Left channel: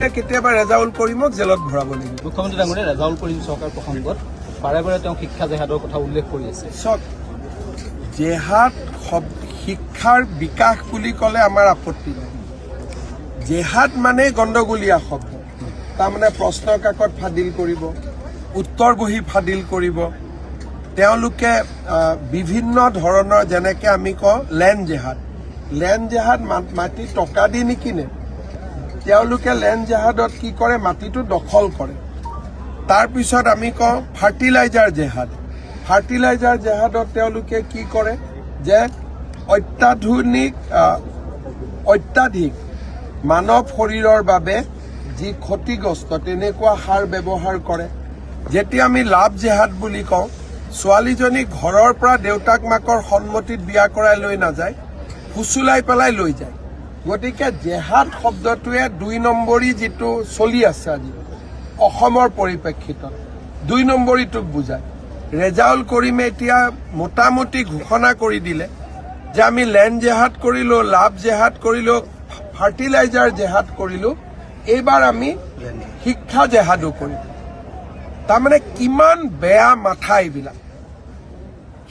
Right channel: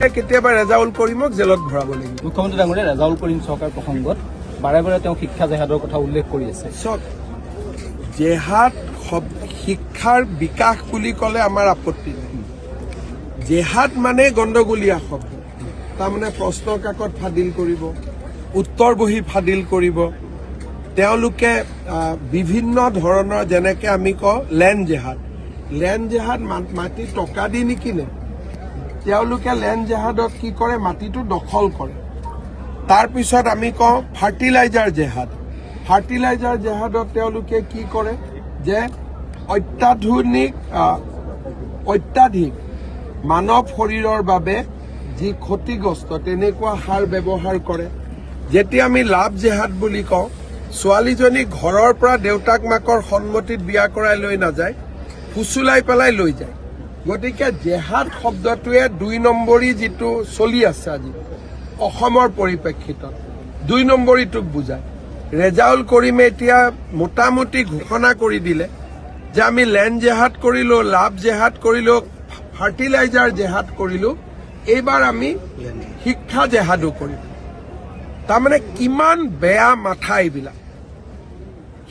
কেতিয়াবা ৰেজাউল কৰিমক জেলত ভৰাব লাগিব। মুখ্যমন্ত্ৰী ডাঙৰীয়া ৰেজাউল কৰিম চৰকাৰ প্ৰসংগত বাৰে বাৰে তেওঁ শিক্ষা জেহাদৰ কথা উল্লেখ কৰি আছে। জেহাদ শিক্ষাৰ বিকাশ বুলি ক'লে আমাৰ আপত্তি নাই। জেহাদ মানে গণ্ডগোলীয়া শব্দ, তাৰমানে প্ৰশ্ন কাকত ফাদিল কৰিব, উত্তৰ বহি ফাদিল কৰিব। তেওঁলোকে বিভিন্ন ধৰণৰ যেনেকে আমি কওঁ লেণ্ড জেহাদ মাটি টকা দি নিকিনে। তেওঁলোকে লেণ্ড জেহাদত কি কৰে, মাটিটো দখল কৰে। তাৰপিছত আমি কওঁ ফাৰ্টিলাইজাৰ জেহাদত তেওঁলোকে কি কৰে যে অত্যাধিক মানৱ শৰীৰৰ বাবে যি ক্ষতিগ্ৰস্ত তেনেকুৱা সাৰ ব্যৱহাৰ কৰে। যেতিয়া আমি লাভ জেহাদ বুলি কওঁ, ছোৱালীজনী ঘৰৰ পৰা দেউতাক মাকৰ সন্মতিত বিয়া কৰাই লৈ নাযায়, ফুচুলাই পেলাই লৈ যায়। গতিকে জেহাদ শব্দটোৱে ২ নম্বৰী যিটো চলি আছে আজি অসমৰ পৰিপ্ৰেক্ষিতত ২ নম্বৰীটোক বুজায়। ৰেজাউল কৰিমে এতিয়া মোটামুটি ঘোষণা কৰি দিলে যে আমি লেণ্ড জেহাদ কৰিলো, লাভ জেহাদ কৰিলো, ফাৰ্টিলাইজাৰ জেহাদ কৰিলো, এইবাৰ আমি শিক্ষা জেহাদো কৰিলো। তাৰমানে কিমান বেয়া মাথা এইবিলাক।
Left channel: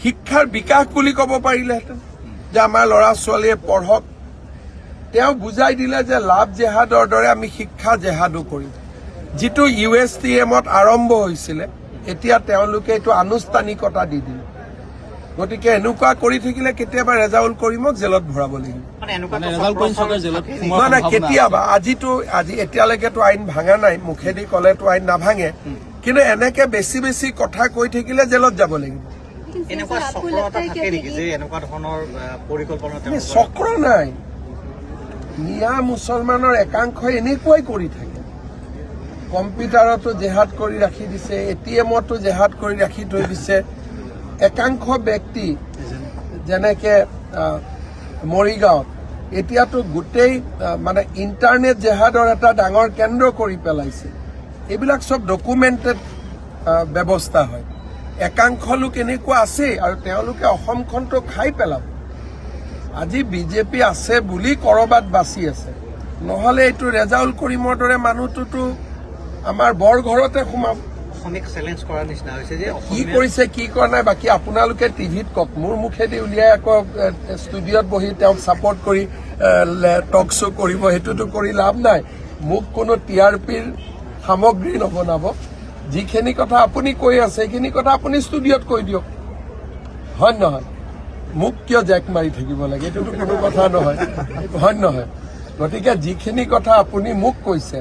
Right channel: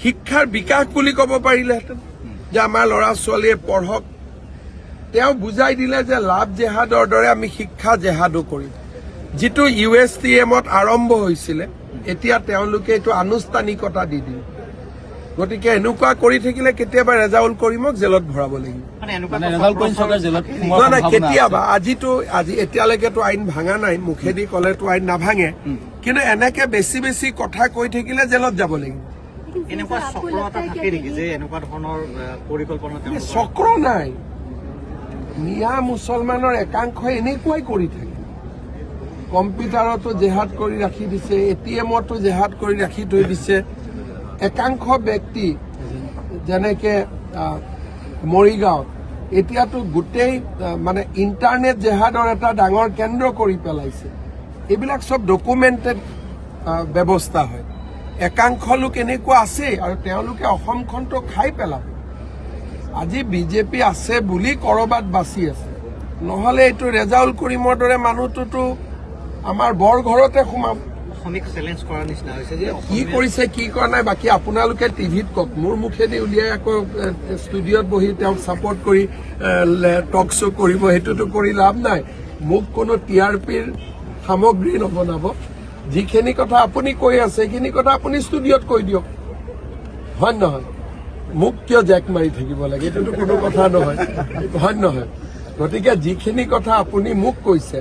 শিক্ষাৰ বিকাশ বুলি ক'ব পাৰিলেহেঁতেন যে আমাৰ ল'ৰা ছোৱালীয়ে পঢ়ক। তেওঁ বুজাই দিলে যে লাভ জেহাদৰ দৰে আমি শিক্ষা জেহাদো কৰিম। যিটো USTMত আৰম্ভ হৈছিলে, এতিয়া তেওঁলোকে এইটো আনুষ্ঠানিকতা দি দিলে। গতিকে এনেকুৱা কৰি থাকিলে কেতিয়াবা ৰেজাউল কৰিমক জেলত ভৰাব লাগিব। নাই কেতিয়াবা, আজি এতিয়ালৈকেতো আইন ভাঙা নাই, মুখেদি ক'লেতো আইন নাভাঙে, কিন্তু এনেকে বেছি কথা কৈ থাকিলে জেলত যাব লাগিব। চক্ৰ নাই, মিয়া মুছলমানৰ একাংশই এনেকুৱাই কৰি থাকে। কম্পিউটাৰতো জেহাদ কৰি ৰাখি দিছে, ATMতো জেহাদ কৰি ৰাখি থৈ দিছে। একাংশ ব্যক্তি যেনেকে মৰিগাঁও এতিয়াতো গোটেই মানে ইণ্টাৰনেট জেহাদৰ এটা ডাঙৰ কেন্দ্ৰ কৰি পেলাইছে। এইবিলাক চব ডকুমেণ্টেড ব্যৱস্থা হয়। একাংশ লোক এনেকুৱা আছে আৰু তেওঁলোকে অসমখনটো খাই পেলাব। আজি বিজেপি আছে বুলি কৰবাত বাচি আছে, নহলে এইটো ৰেজাউল কৰিমৰ দৰে মানুহটোতো আমাৰ বৰ ঘৰতে সোমাব। কি কৰিছে কি কৰা নাই বাকী আপোনালোকে টিভিত কওক। মোৰ মুখেদি উলিয়াই আকৌ ষ্টুডিঅ'ত বহি তেওঁক ছাপৰ্ট কৰি টক শ্ব' কৰিব, সেইটোতো কৰি লাভ নাই। মোক কোনো TRPৰ সামগ্ৰী নবনাব। যিখিনি কথা আপুনি কৈ আছে সেইখিনি কথা আপুনি ষ্টুডিঅ'ত কৈ দিয়ক, হয় নহয়? মোক কিয় জেক মাৰি থাকিব লাগে, এইটোতো কোনো কথা নহয়, হয় নহয়? গতিকে যিখিনি কথা আপুনি মোক কৈছে,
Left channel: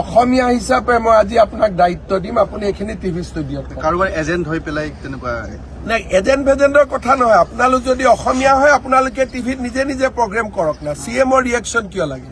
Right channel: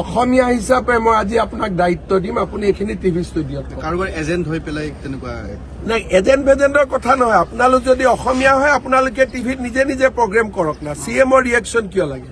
অসমীয়া হিচাপে মই আজি আপোনাক দায়িত্ব দিম, আপুনি এইখিনি টিভি ষ্টুডিঅ'ত কাৰোবাৰ এজেণ্ট হৈ পেলাই তেনেকুৱা নাই। এজেণ্টৰ কথা নহয়। আপোনালোক যদি অসমীয়া হয় আপোনালোকে টিভিত নিজে প্ৰগ্ৰেম কৰক না। CMৰ ৰিয়েকশ্যন কিয় লাগে?